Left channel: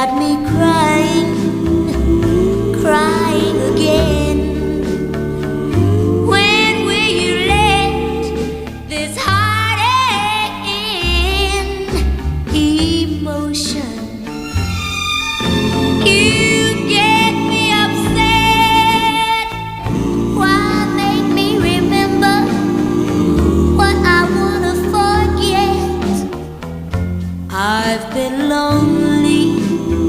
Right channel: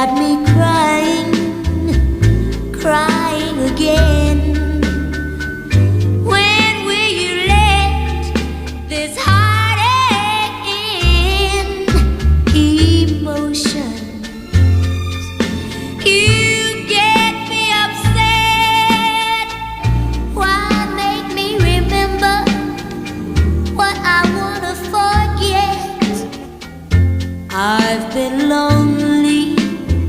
got me crying, crying again. When will you let this heartache end? Emotion, you get me upset. Why make me remember what I wanna forget? I've been lonely